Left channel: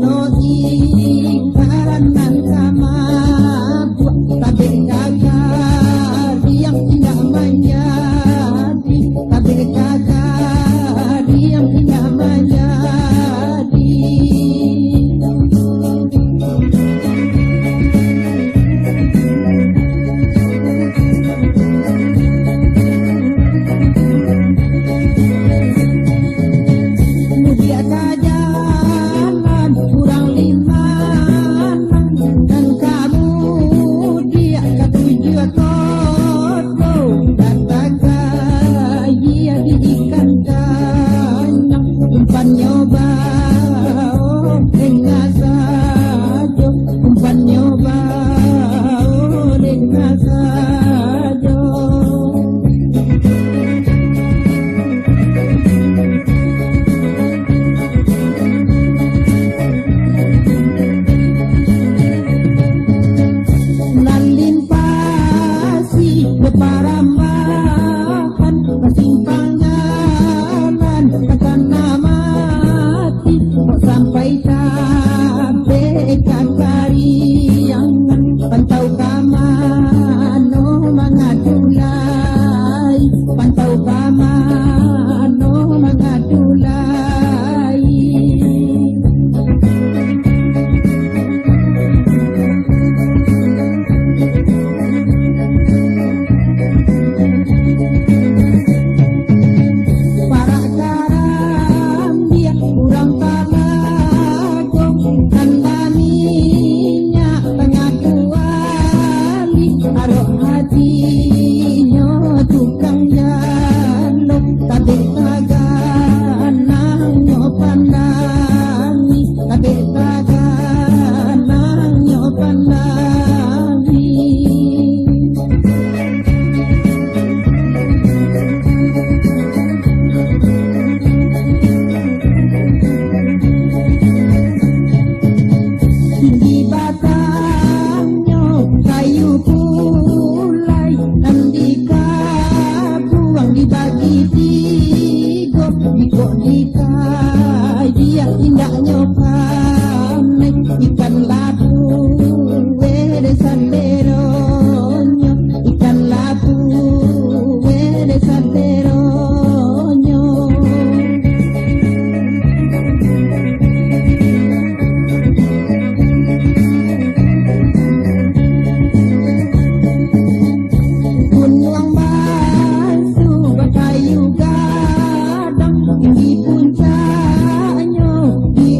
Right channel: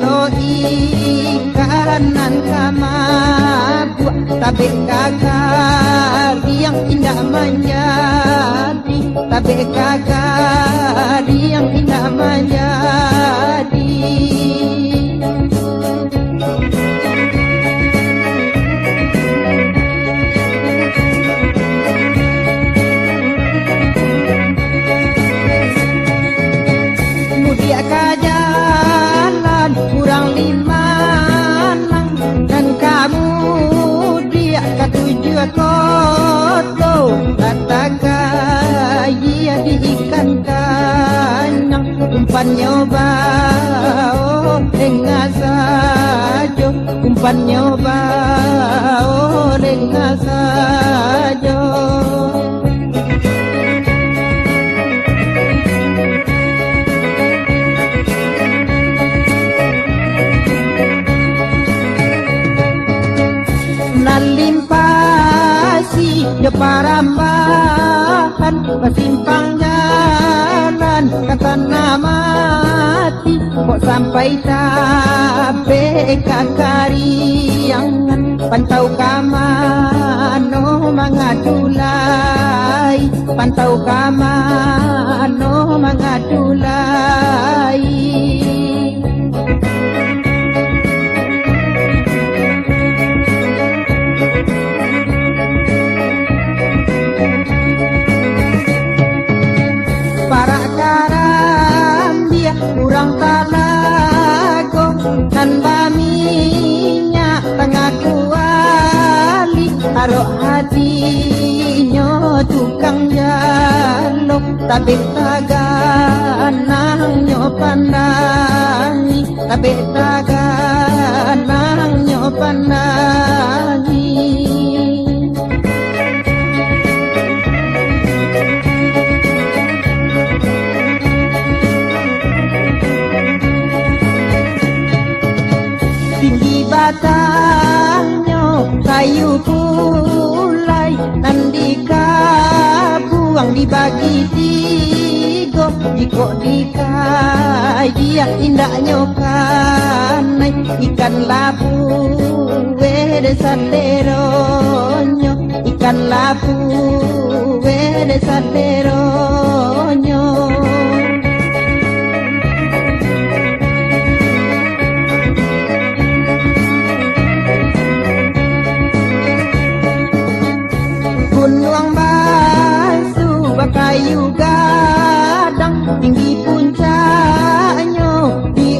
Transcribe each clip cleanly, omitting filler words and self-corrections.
no ikanan kamadu tabe kakak yang indah menjadi tabe kakak yang indah menjadi. Mudia ka jalan kurang 5 lang dan kamu dia ka 7 koto kataga ia di ikan kanyang umpan nyoba oh dengar saja umpan nyoba oh dengar saja. Nalimpasi yo parambahan pasimpang jalan kata mati kok sampai tabe kakariangan pantau kamano mangadulai pantau kamano mangadulai. Para karam dia kurang talago dan baminya tengah kuali taruh hatinya tukang jalo tabe taganang nyo pandangi tabe taganang nyo pandangi. Tinggi batangnya kayu pulai nandika buang dibagi 3 jiko dikaji yang indahnya kanai ikan labu wede sanderonyo ikan labu wede sanderonyo. Gunung Basu bakayu gadang tinggi puncaknya di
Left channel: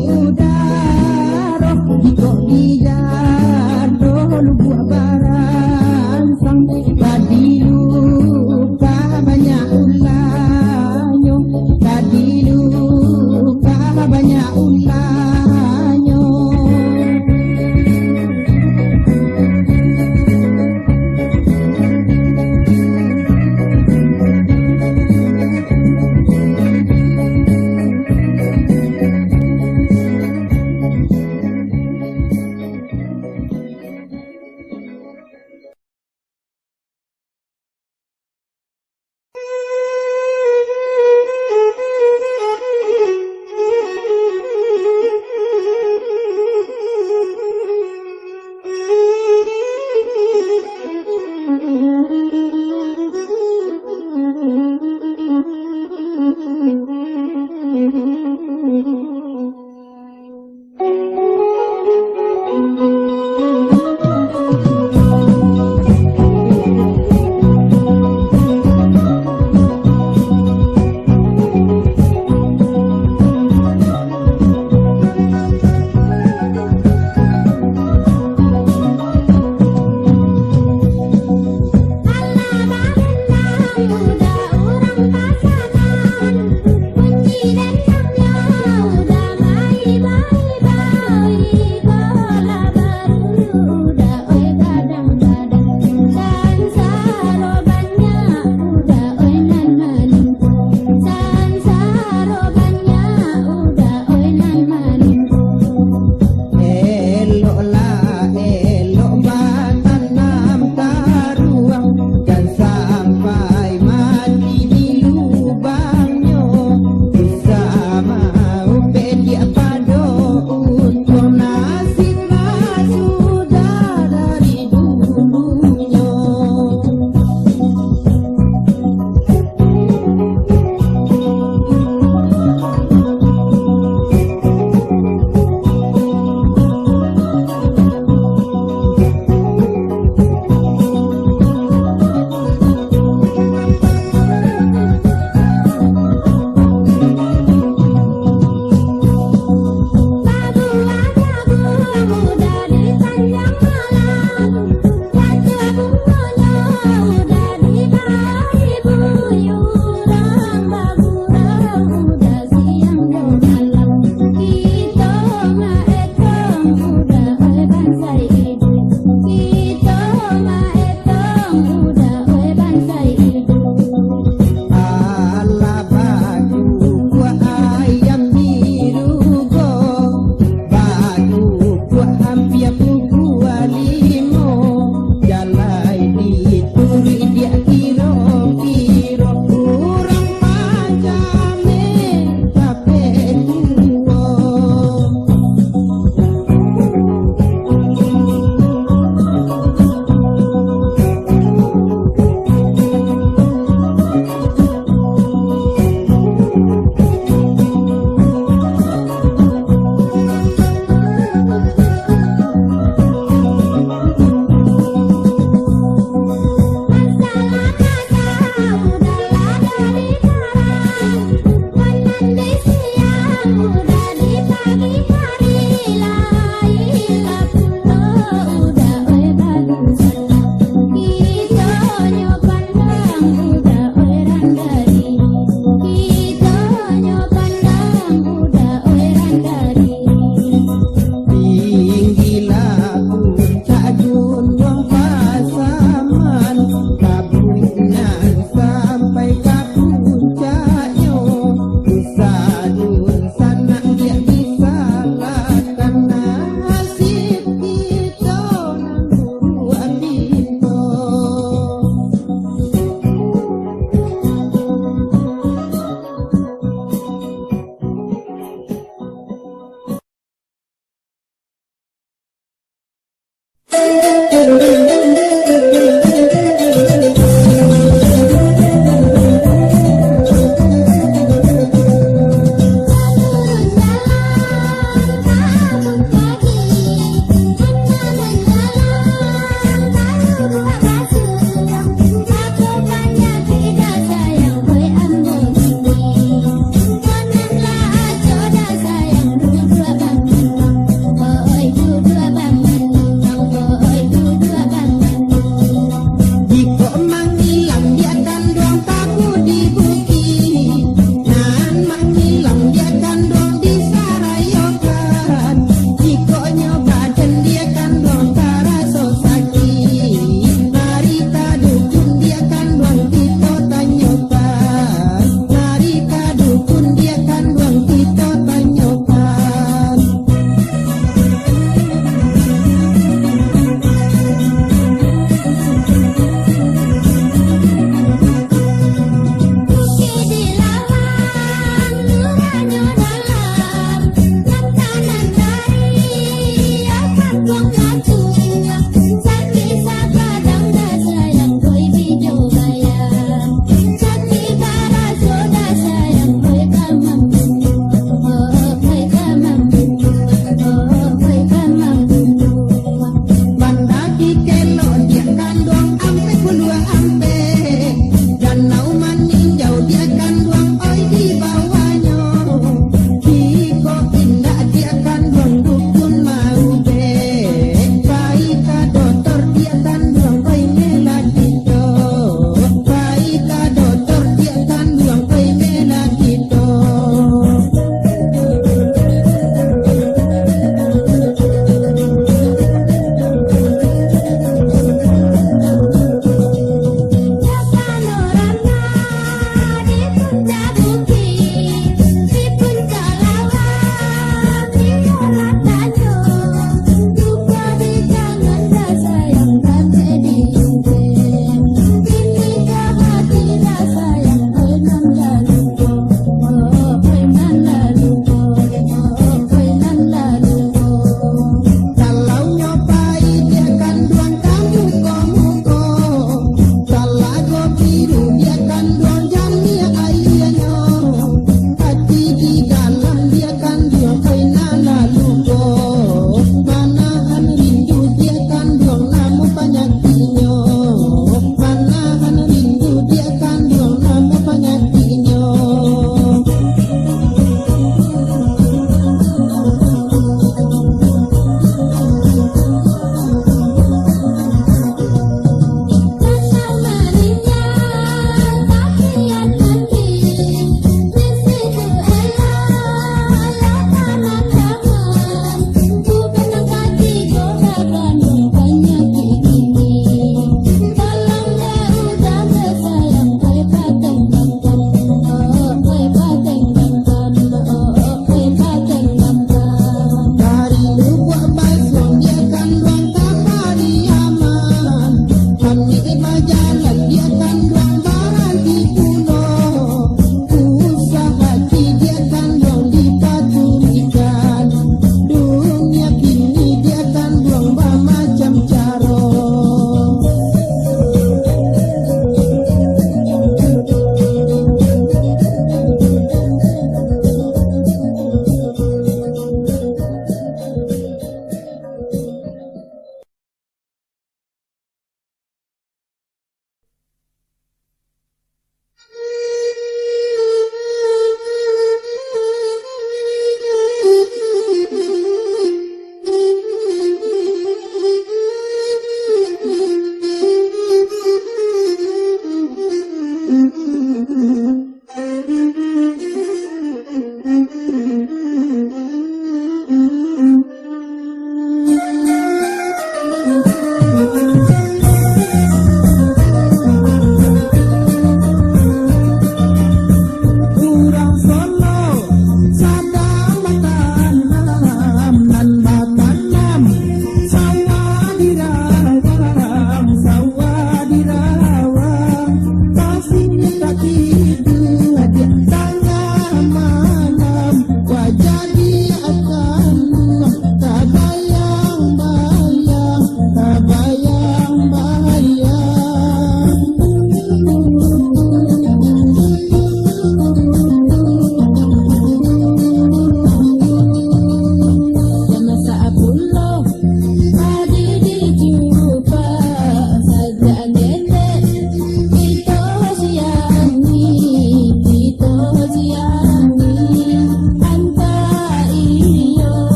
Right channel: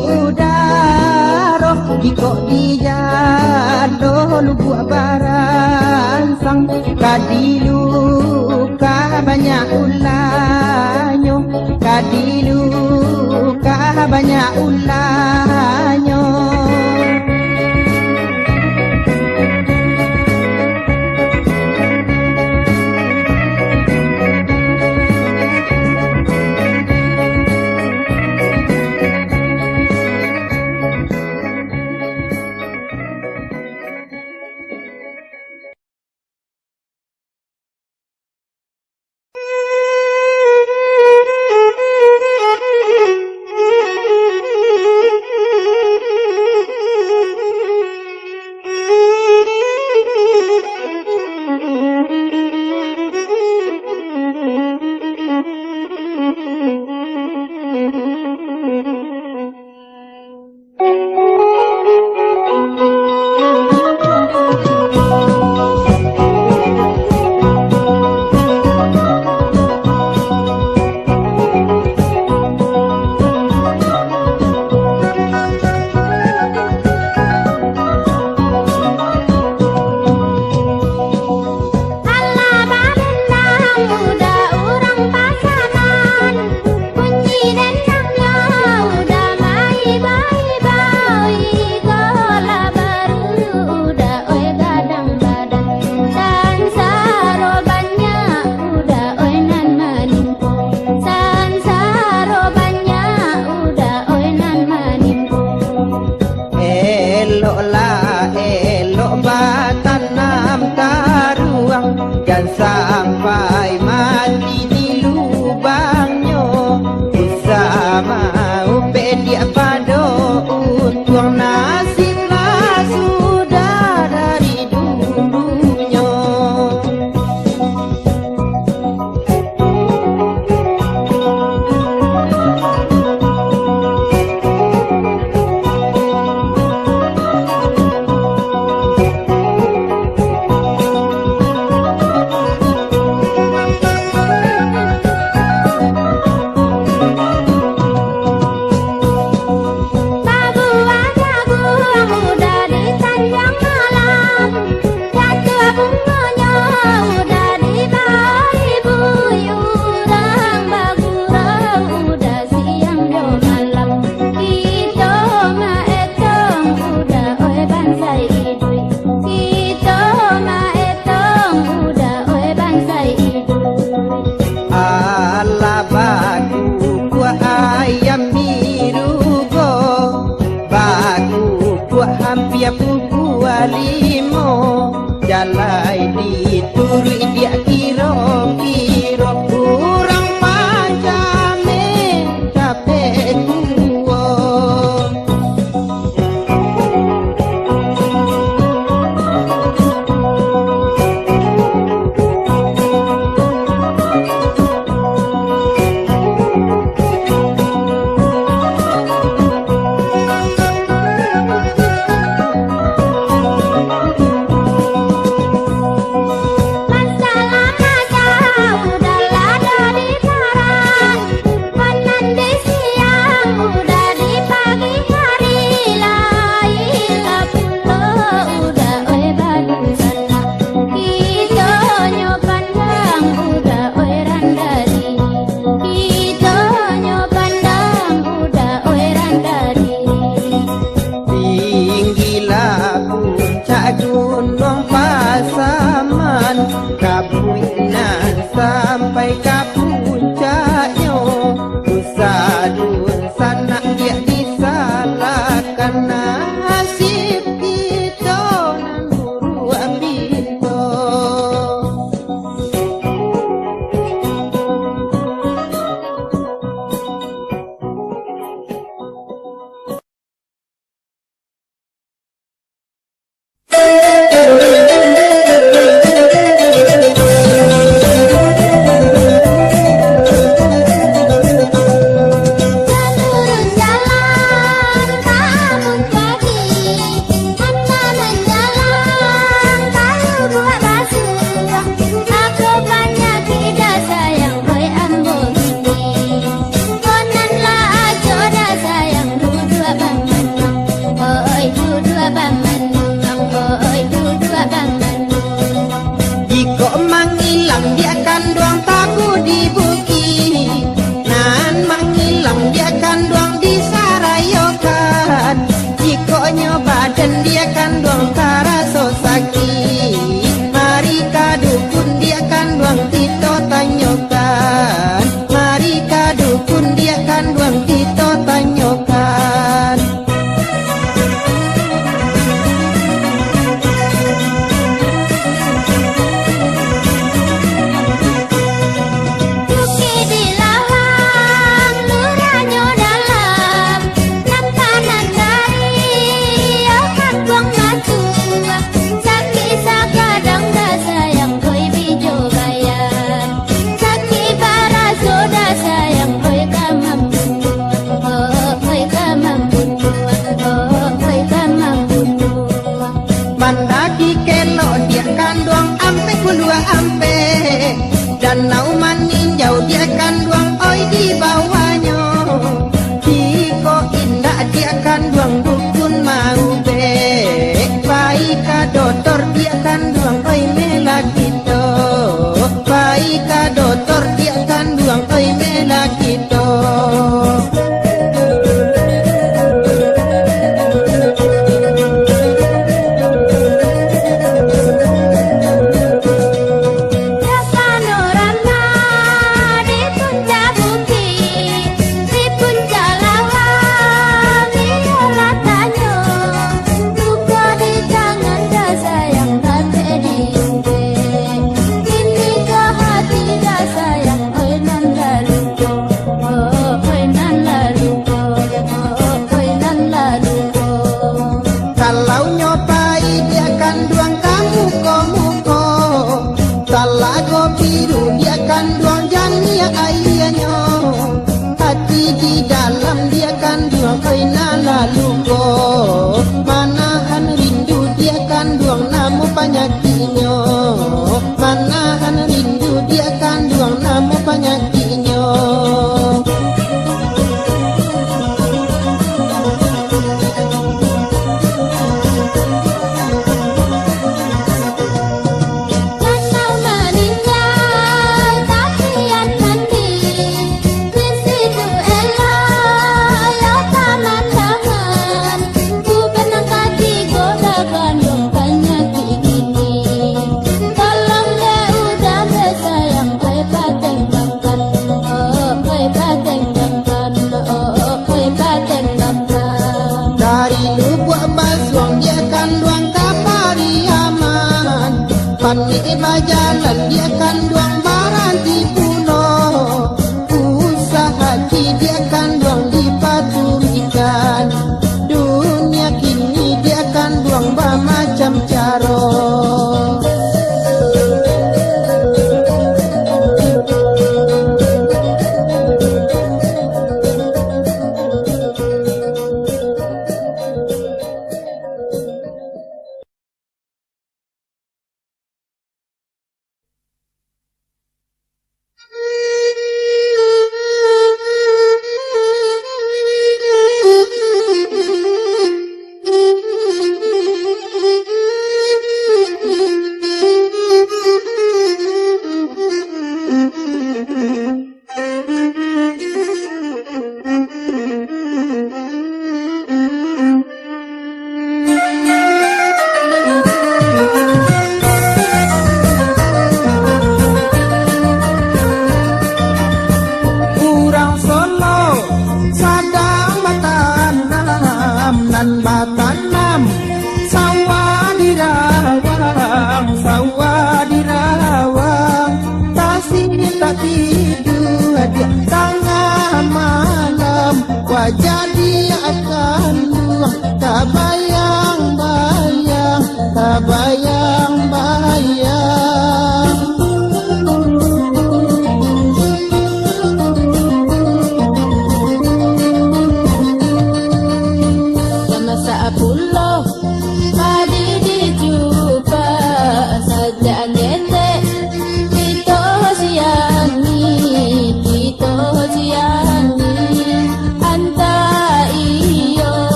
Bang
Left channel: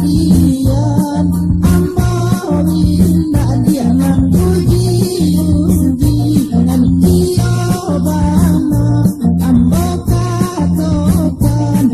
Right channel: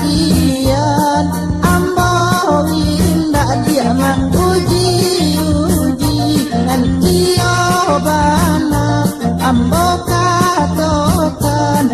kian ambo indah dia uji ngan iyo bana ambo katokan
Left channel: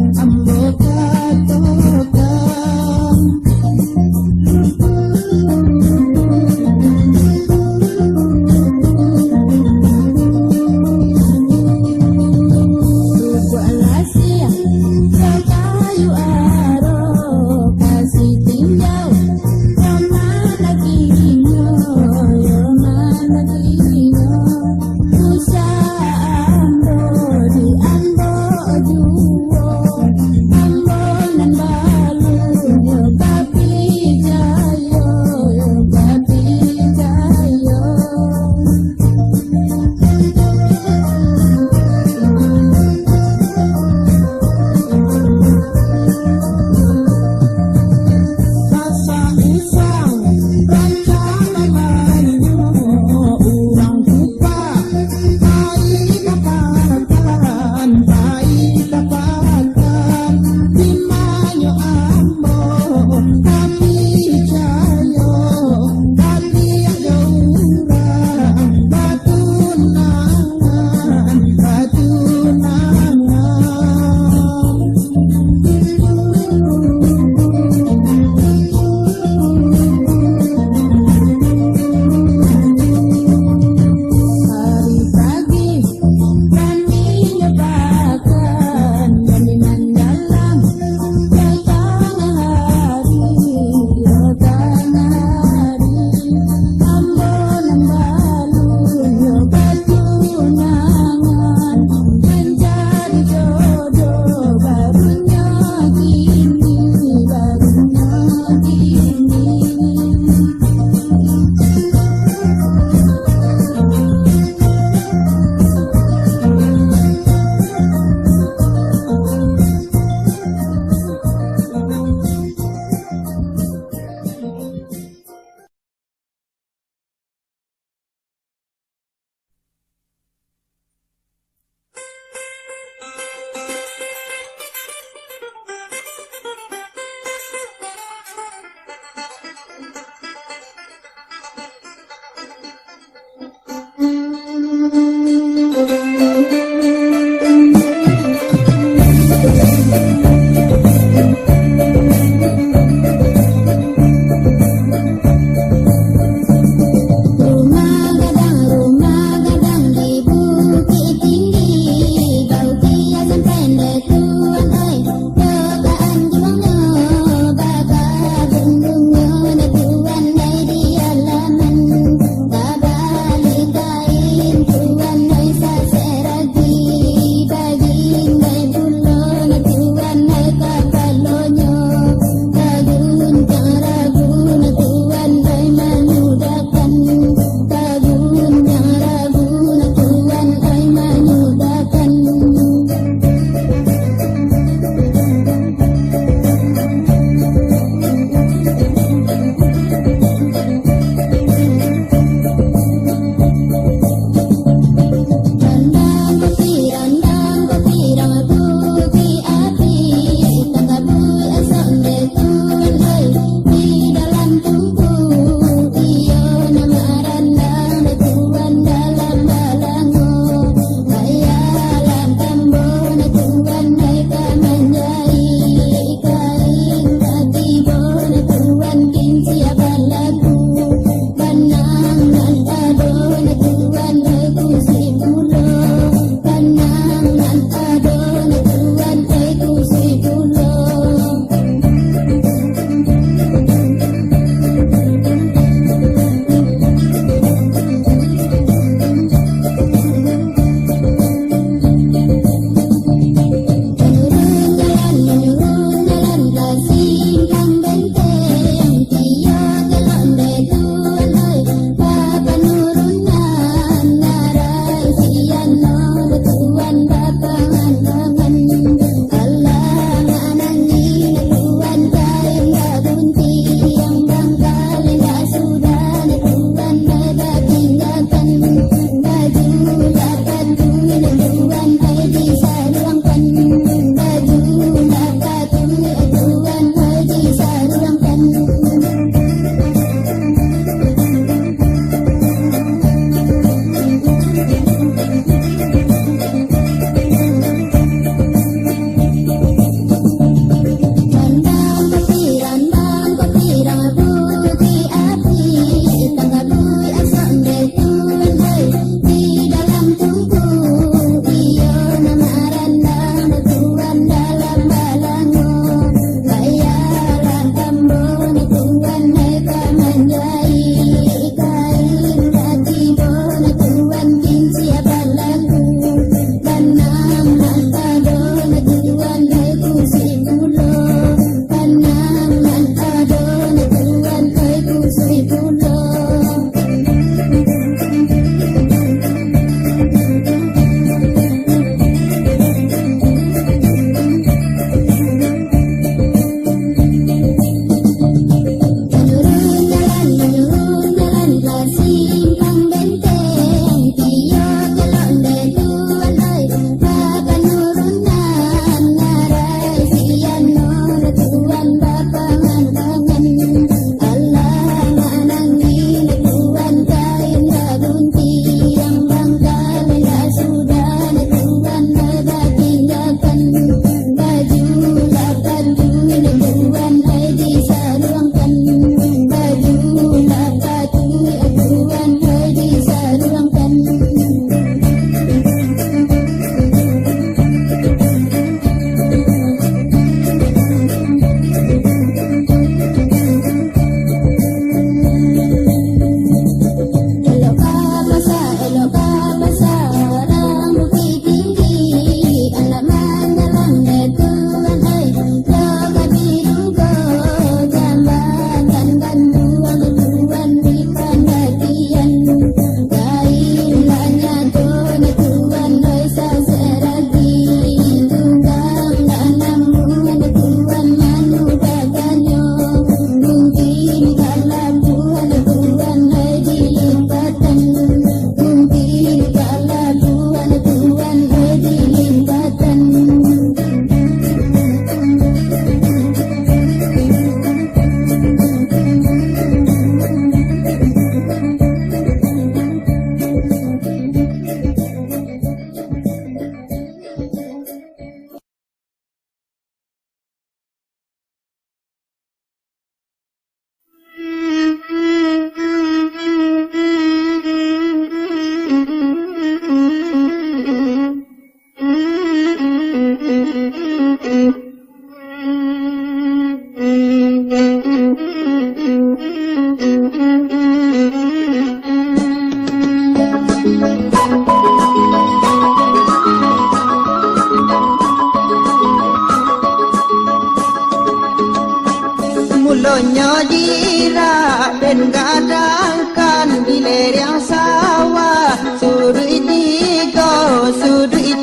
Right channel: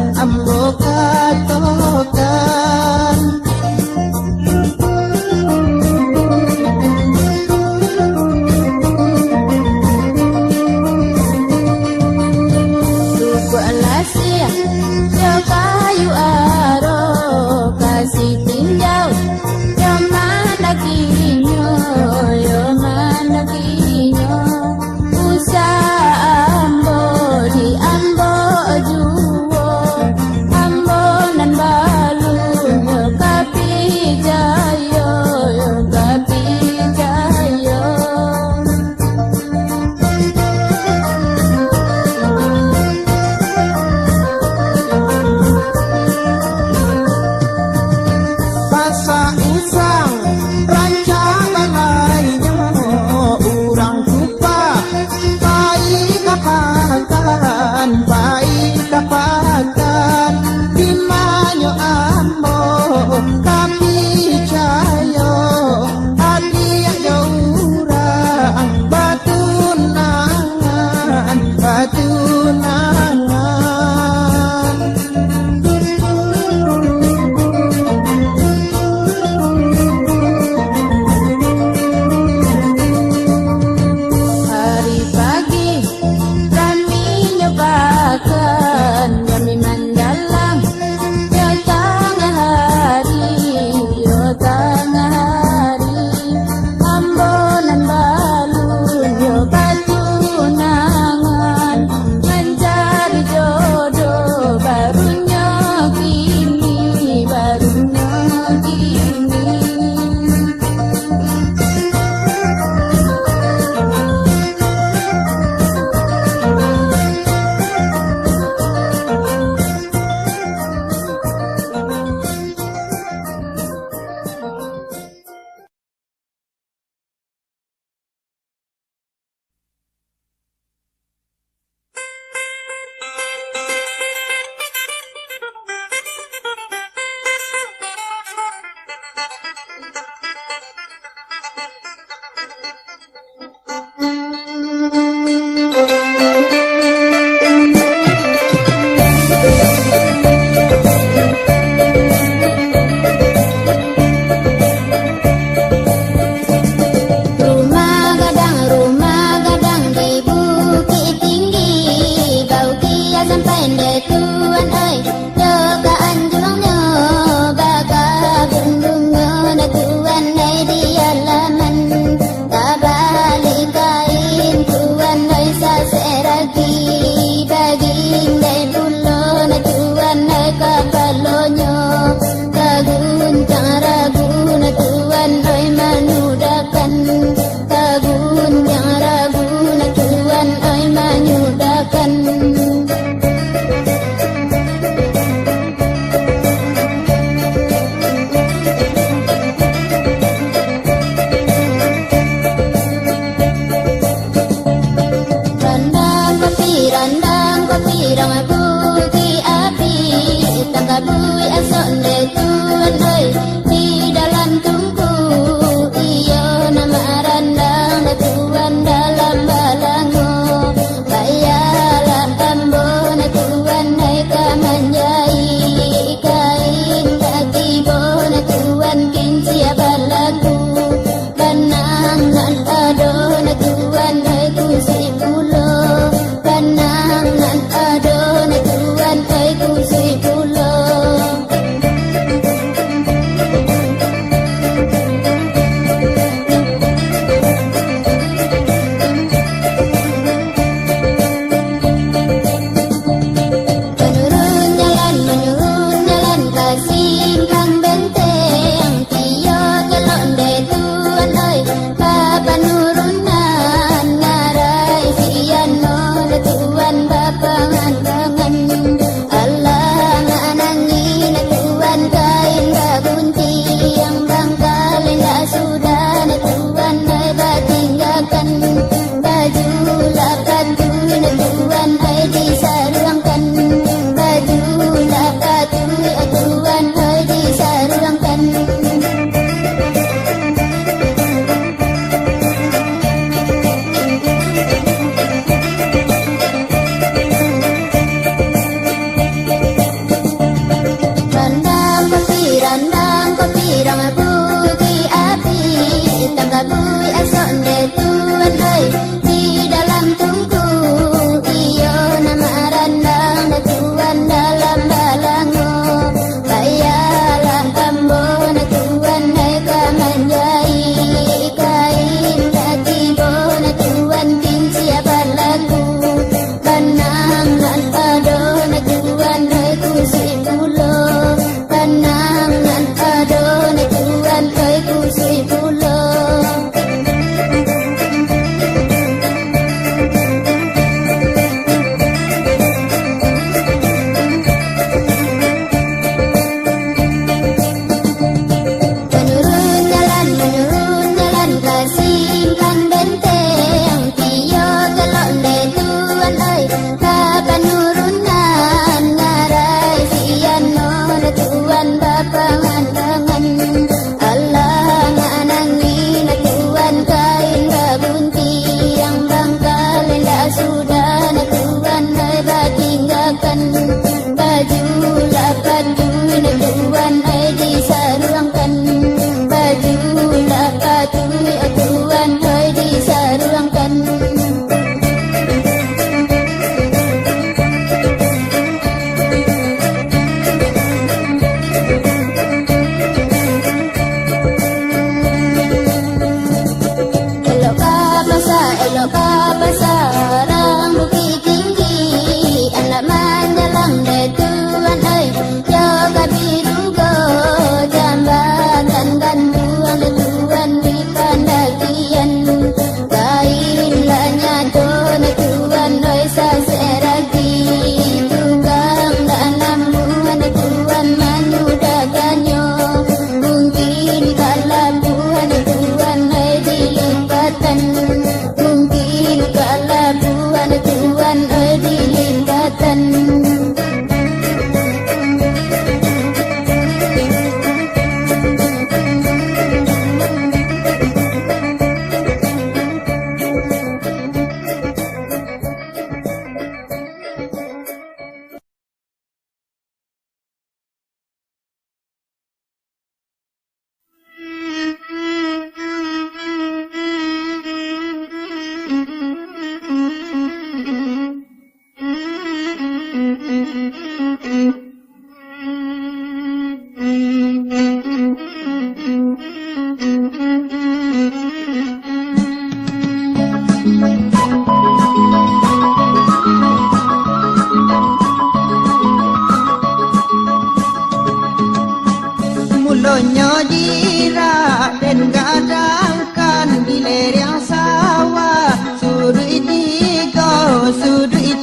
Mangkonyo jira dan gadangkan di lereng sawah sudut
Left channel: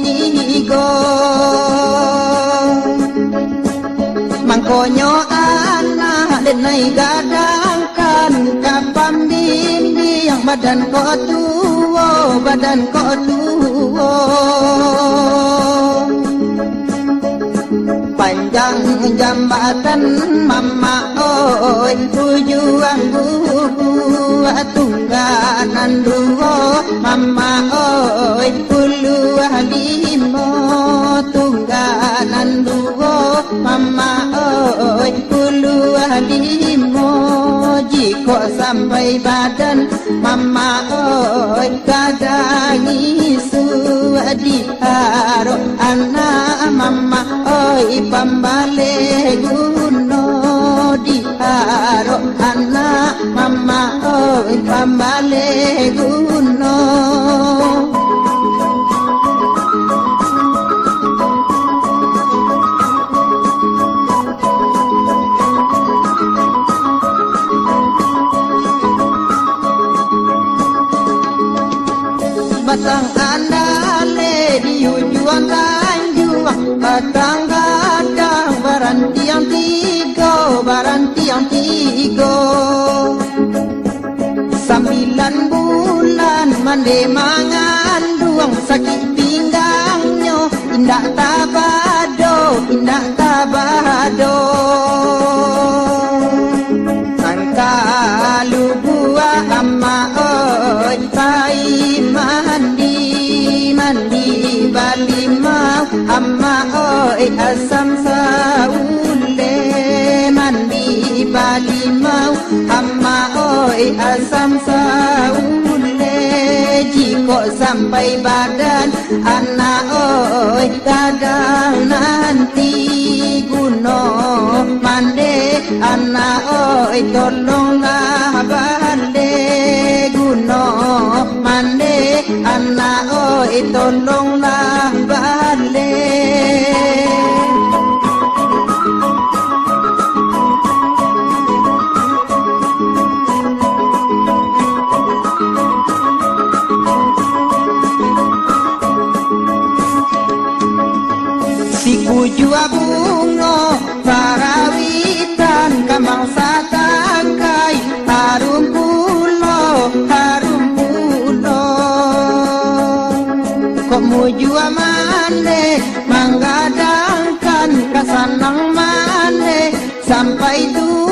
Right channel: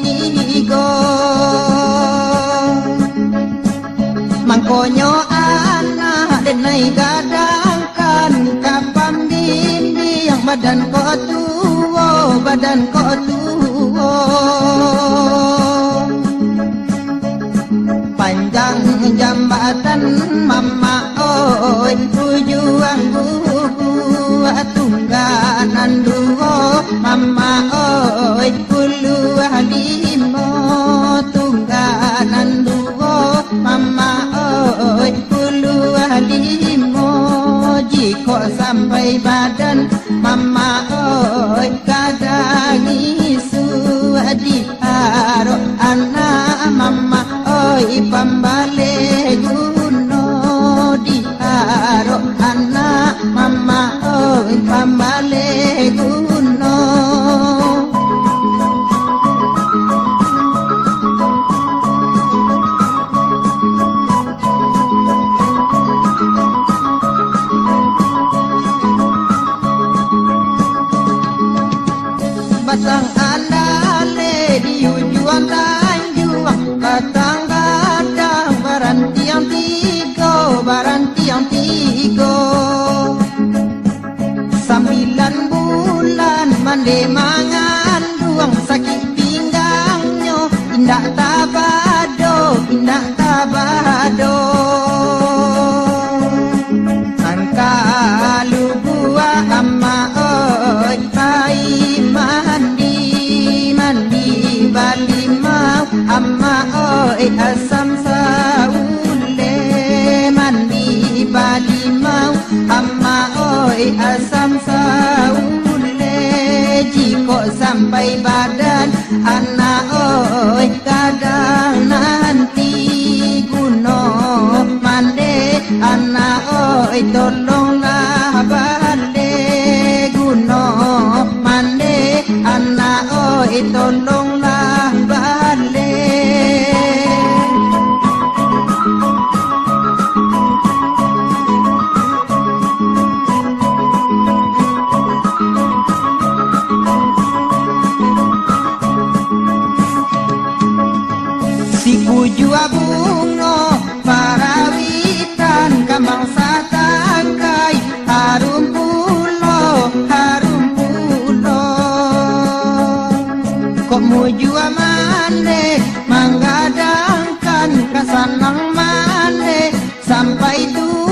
tigo Mangkonyo anak dan naik gadangkan kapam bimbing badan kau tuo panjang jambatan mama oi tujuan buku tungganan duo mama oi puluh limo tungganan duo mama oi puluh limo jiko sampai badan mama oi kadang isu di haro anak mama oi pambale guno di haro anak mama oi pambale guno batang andale di ujung tanjung batang gadang baranti yang tiga 9 bulan mande mengandung sakit pinggangnya indah tabado angka lubua amma oi pai mandi bali mau amma oi asam saule mandi bali mau amma oi asam saule jiko sampai badan anak oi kadang nanti guno mande anak oi tolonglah bale guno mande anak oi tolonglah bale Jua bungo parawitan kambang satangkai harum pulo kok mujua mane menggadangkan kasanang mane sampai tuo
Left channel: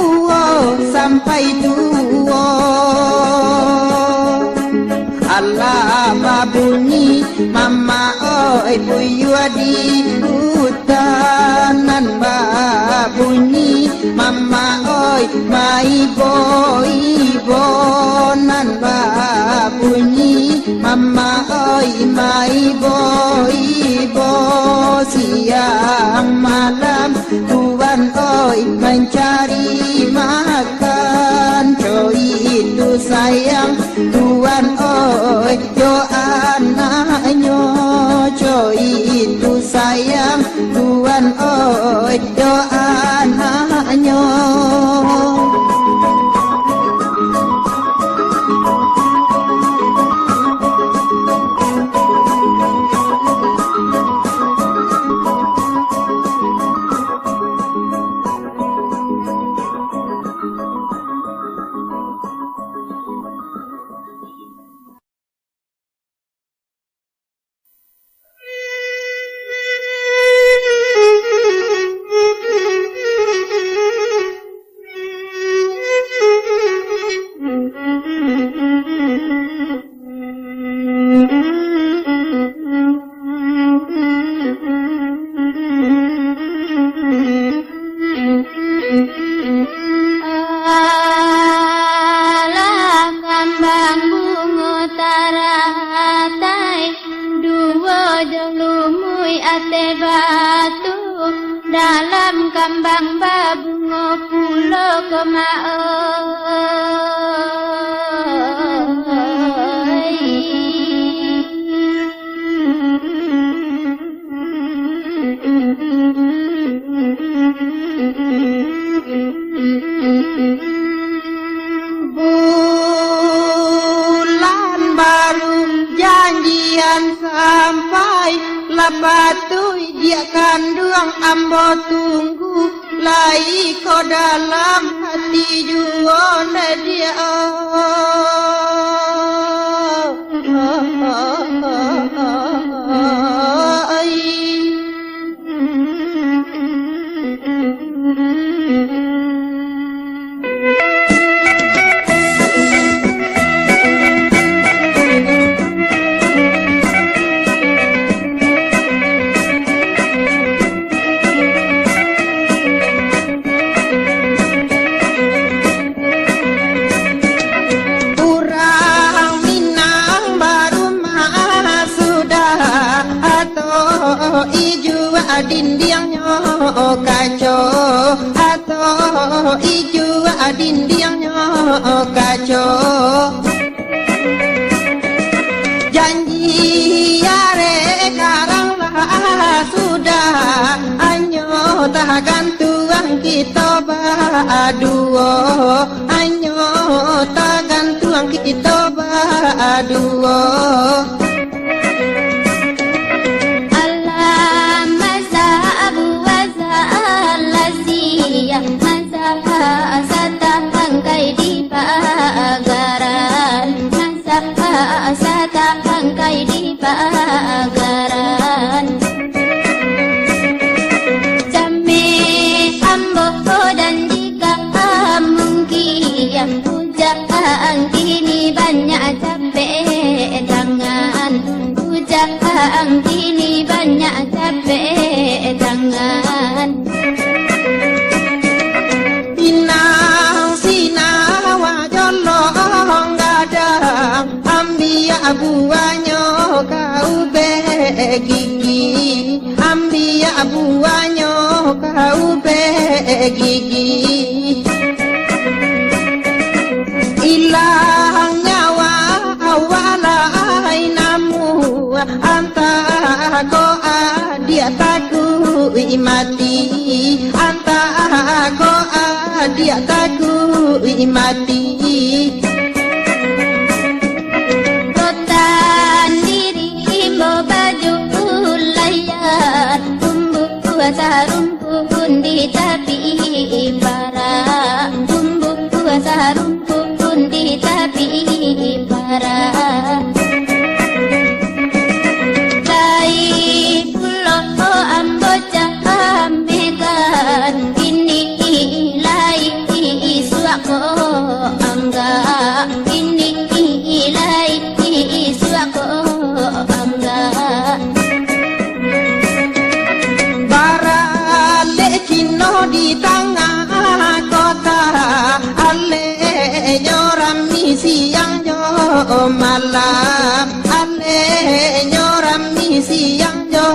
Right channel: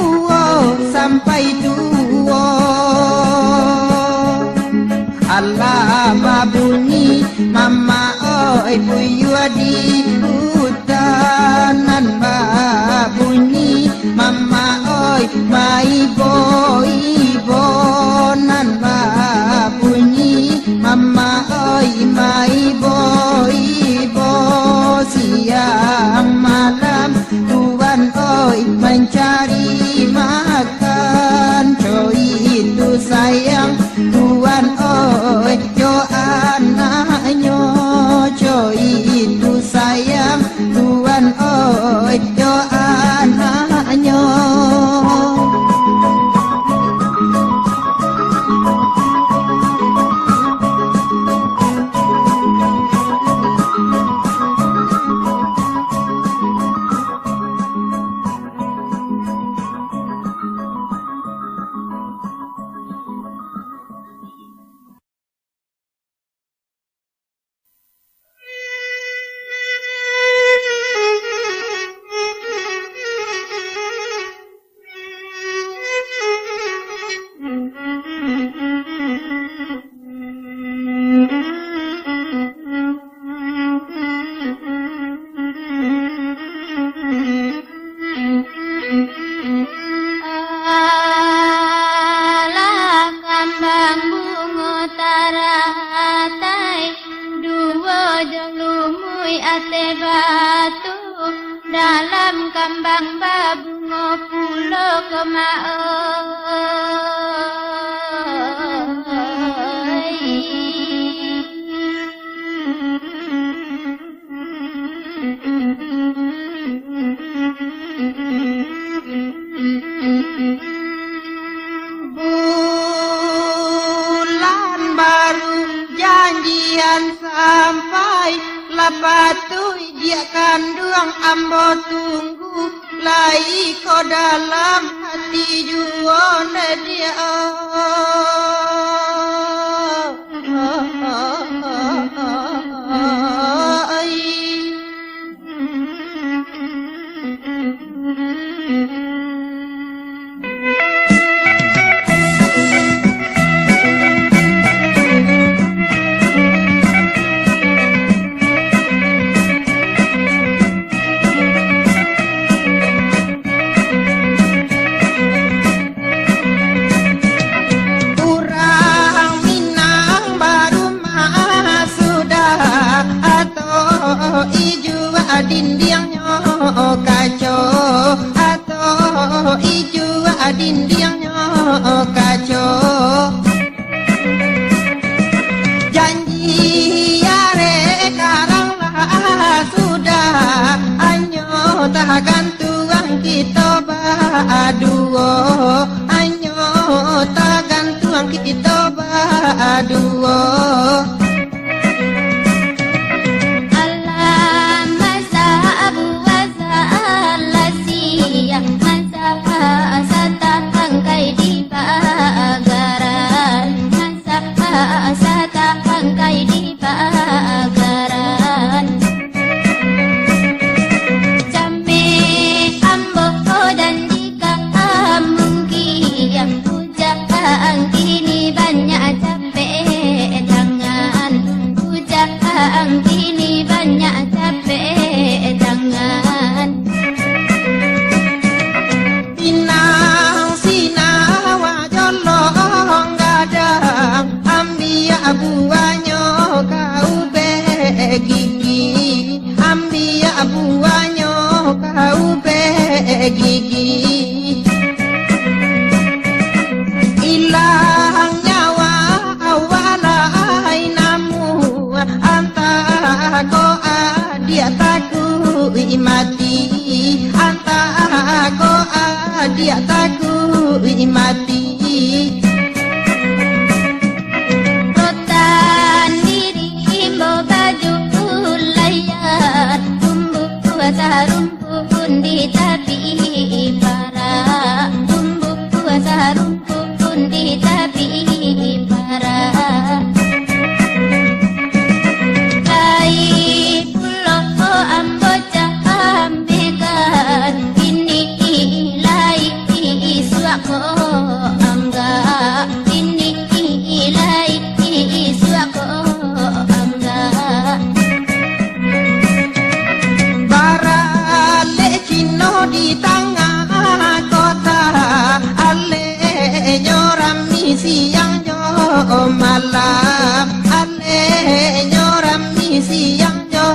Allah babunyi mama oi buyua di hutanan babunyi mama oi maibo nan babunyi mama oi maibo siang malam tuan oi mencari makan coy itu sayang tuan oi jo anaknya coy itu sayang tuan oi jo anaknya patui dia kandung ambo tunggu lai ko dalam hati juona dia dindingnya kacau atau ijo dindingnya kacau janji yare karanglah sudah anyo tahakan tuang kita baduo anyo tahakan tuang kita baduo Asata hangkai di pagaran Asata hangkai di pagaran Jame ambo dan jika mungkin Pujaan kini banyak capek tangan Pujaan kini banyak capek tangan buahnya kau begigi ambil buahnya kau begigi hilang nyawa awalai namu antara kau dia takut mati antara kau dia takut mati rumpun di tepi para tumbuh rumpun di tepi para lai pulau amboja ambekan ini lai suako angga ini lai suako angga di tengah kota ale nyorami siang jo malam ale nyorami siang jo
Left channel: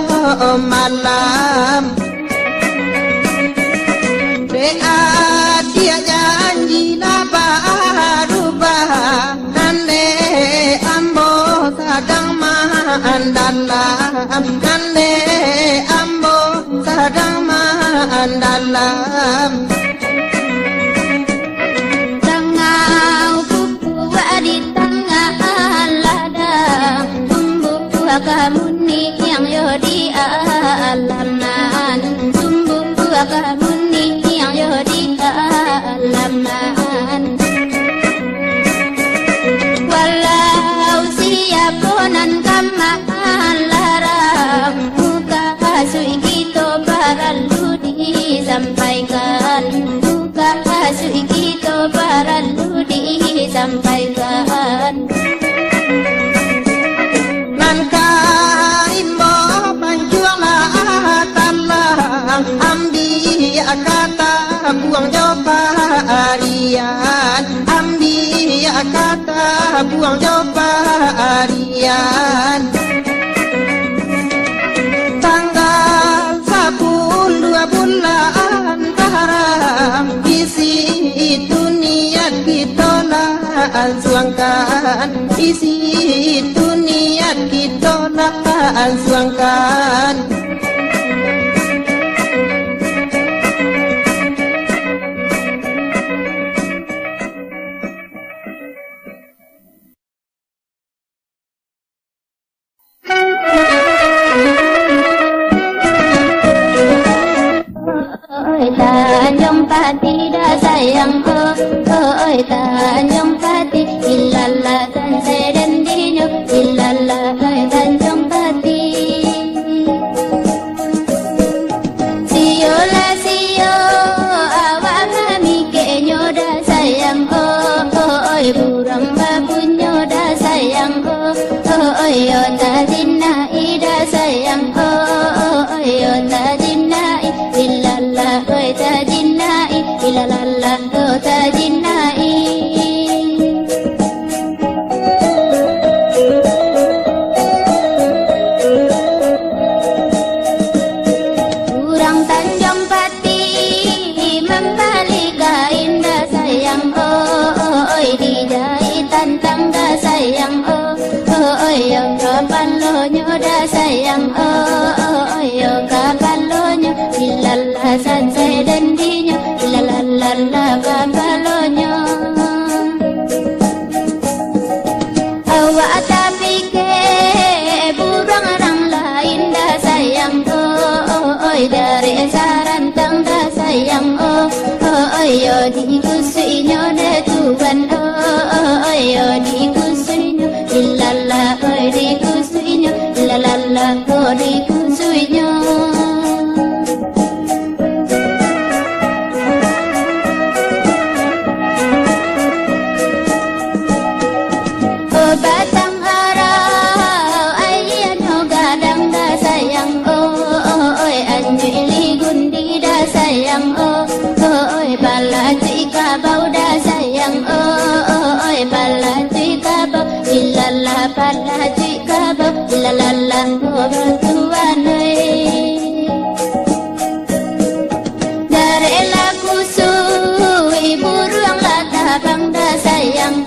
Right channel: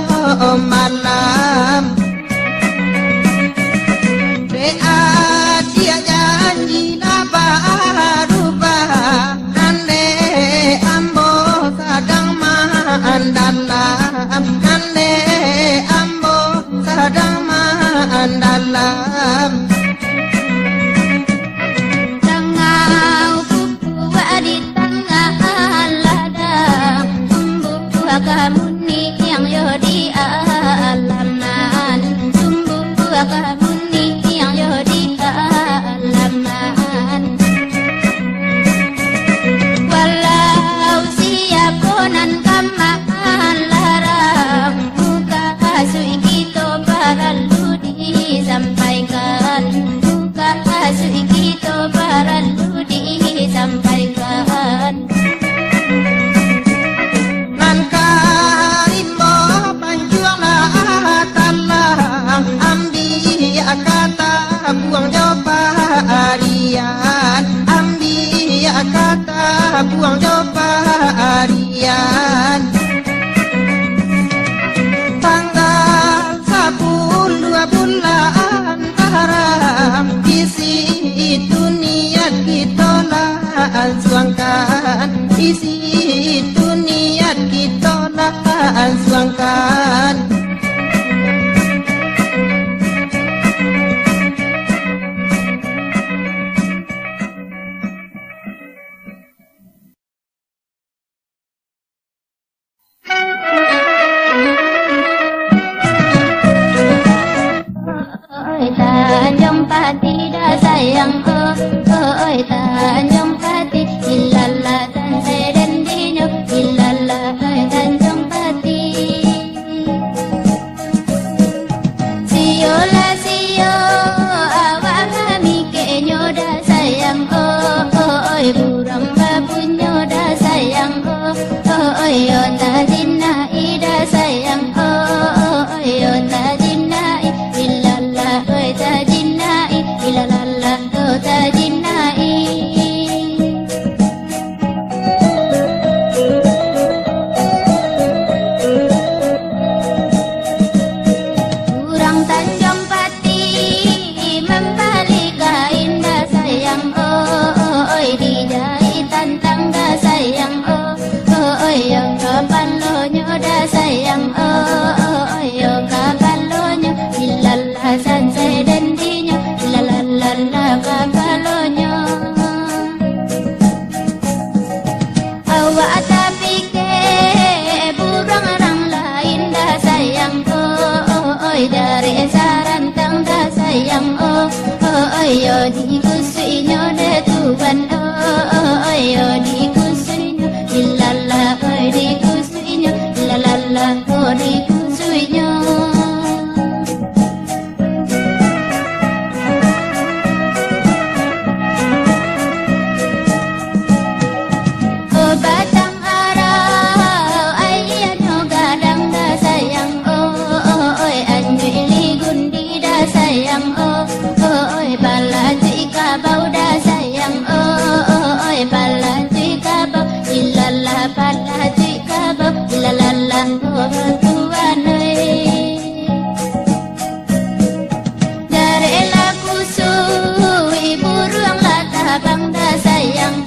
malam dia janji berubah ane ambo sedang mandalam ane ambo sedang dalam tengah buku di tengah ladang tumbuh kamu ni yang yo di alaman tumbuh kamu ni yang yo di alaman walau siaponan kamaan larang muka kasui kita baralu disampaikan buka kasih kita perlu disampaikan nan karimbo panjualan talang ambil kata buang jopa harian ambil kata buang jopa harian tanggal 10 bulan haram isi itu niat kita langsungkan isi itu niat kita langsungkan Tanjung Pati dah sayang oi Tanjung Pati ilala dan sedendinyo ilala oi Tanjung Pati siyo la siyo awak kami kenyo dah sayang oi burang babunyo dah sayang oi yo tajinai dah sayang oi yo tajinai ilala oi tajinai ilalala oi tajinai kurang Tanjung Pati membalik indah sayang oi dijahitan tangga sayang oi yo kapan lo nyo dah sayang oi yo kapan lo nyo ilala san sedendinyo ilalala kapan lo nyo awak tapi ke burang orang lain dah sayang oi dari sarantang dah sayang oi yo dikusuinyo dah Tuhan oi yo dikusuinyo ilala oi dikusuinyo ilalala oi dikusuinyo batang arau ayano gadang dah sayang oi anyu iligundi dah sayang oi bala cika bau dah sayang oi bala cika bau ilala bala cika bau ilalala tuan oi dari laku sui burung lata bang dah sayang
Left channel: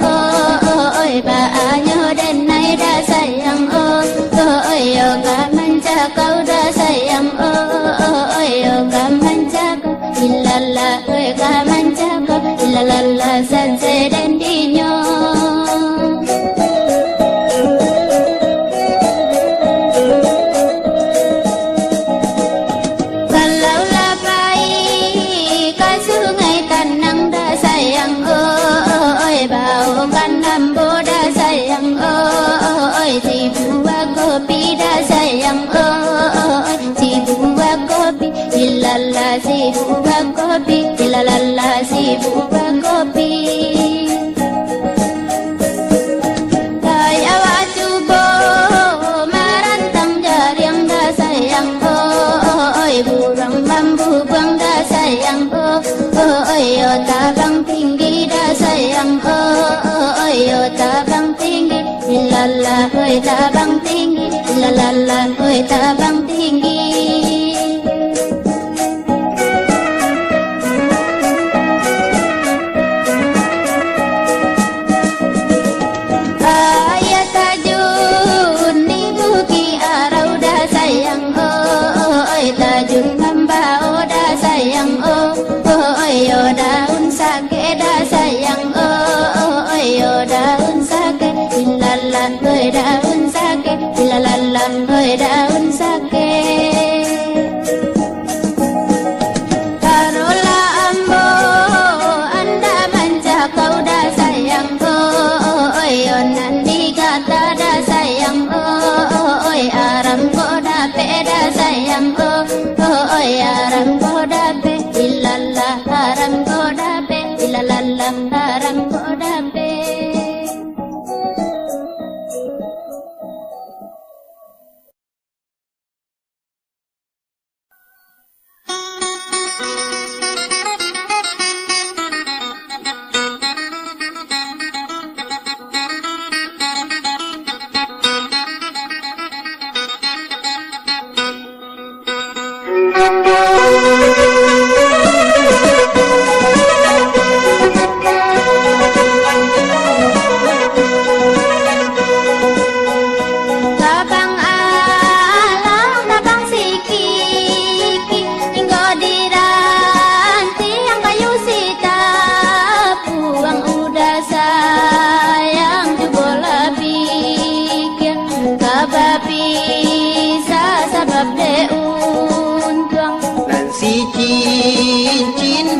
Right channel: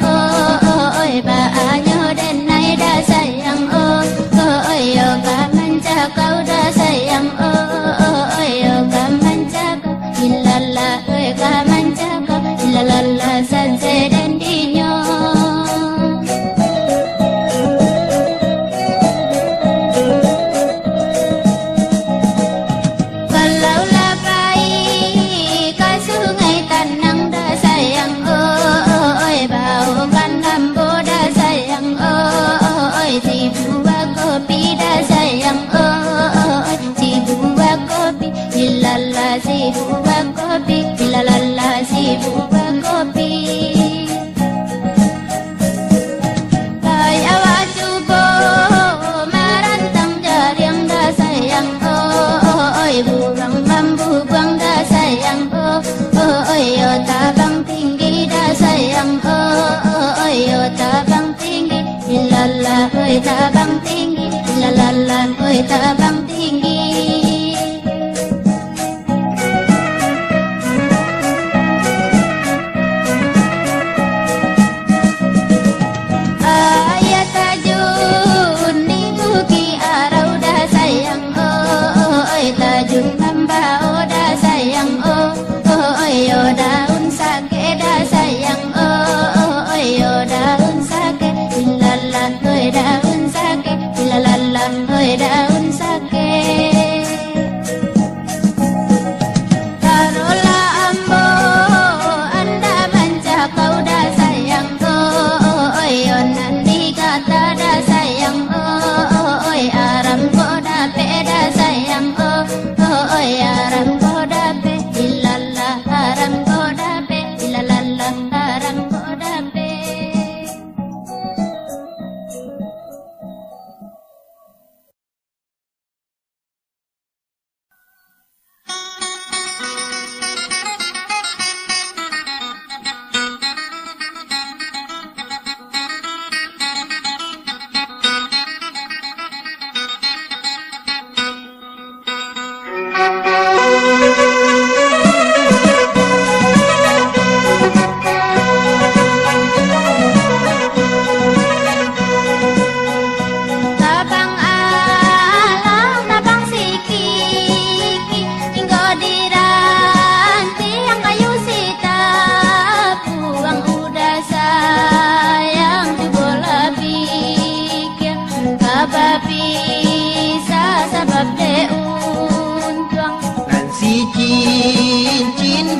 oi baanyo denai dah sayang oi yo kamanca kau dah sayang oi yo kamanca kau ilala oi kamanca kau ilalala san sedendinyo kalau lapai ke sungai Tanang dah sayang oi bau kan lambo dah sayang oi si buah kopi dah sayang oi si buah kopi ilala si buah kopi ilalala si buah kopi kai awak cubo marantang jariang dah sayang oi burang mambu buang dah sayang oi yo tabang tinggi dah sayang oi yo tabang tinggi ilala oi tabang tinggi ilalala oi tabang tinggi ayat tajun minggu ki arau dah sayang oi tajun ngambau dah sayang oi yo daun sake dah sayang oi yo daun sake ilala oi daun sake ilalala oi daun sake tarola ambo anda manca kau dah sayang oi yo nandi kata dah sayang oi aram ko dah pe dah sayang oi aram ko dah pe ilala aram ko dah pe ilalala aram ko dah pe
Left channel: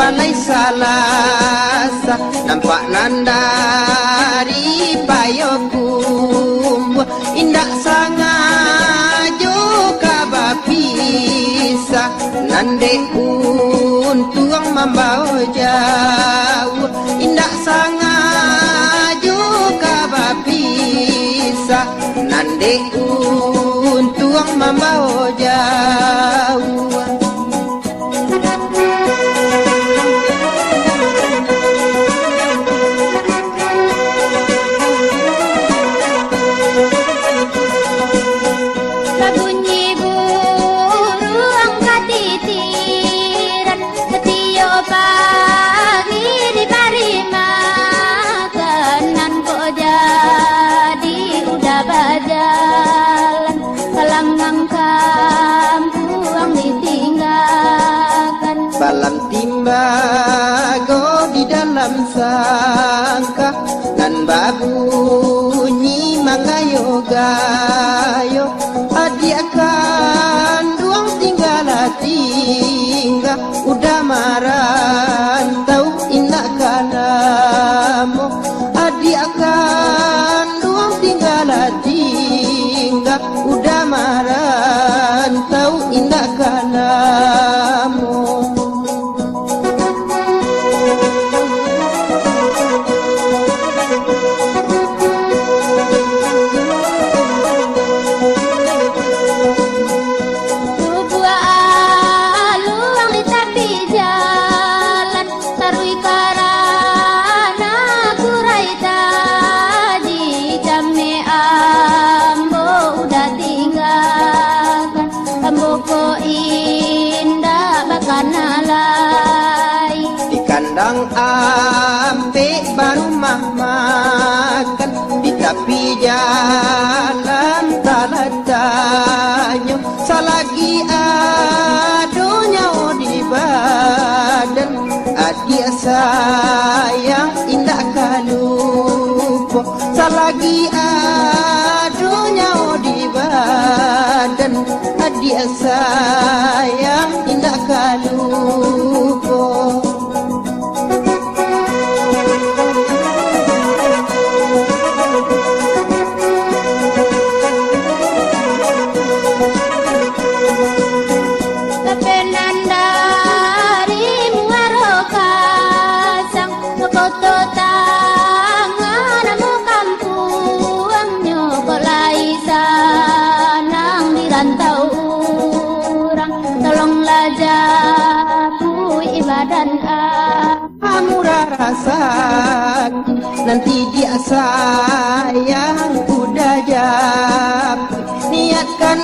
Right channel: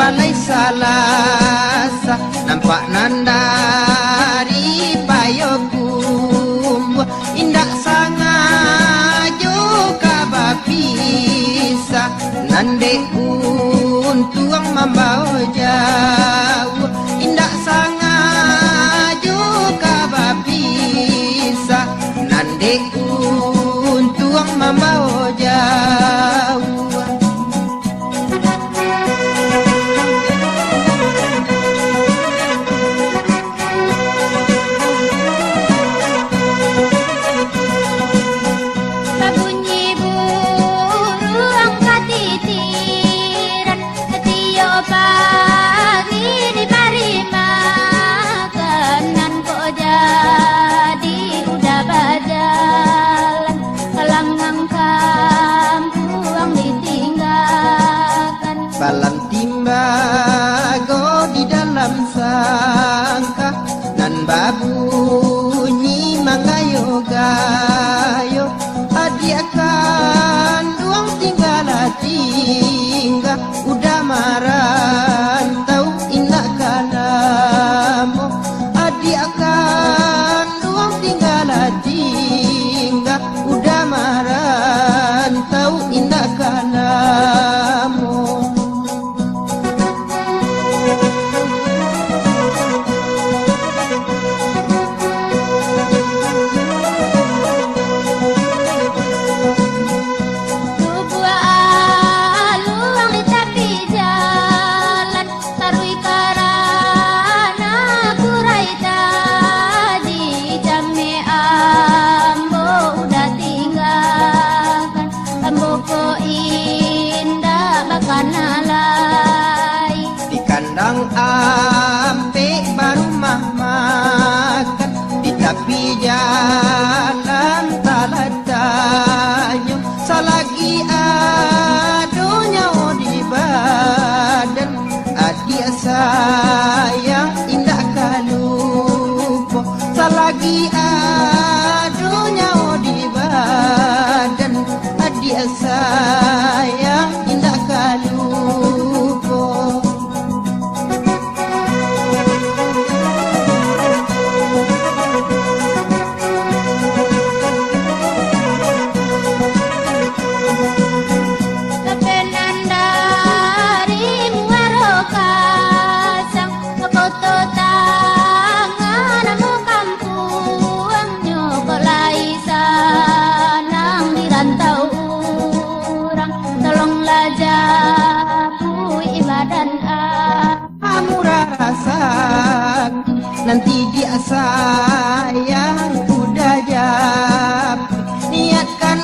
balai salasa nampak nandari payokum indak sangajo kabapisa nande untuang mambao jauh indak sangajo kabapisa nande untuang mambao jauh. Balam timbago di dalam sangka nan babunyi mangayo-gayo adi akan duang tinggal udah marantau inak kanamo adi akan duang tinggal udah marantau inak kanamo. Di kandang ampe baru makan di tepi jalan talatanyo salagi adonya di badan adia sayang indah kalupo salagi adonya di badan adia sayang indah kalupo. Amura rasa nanti dia sayang udah jap niatkan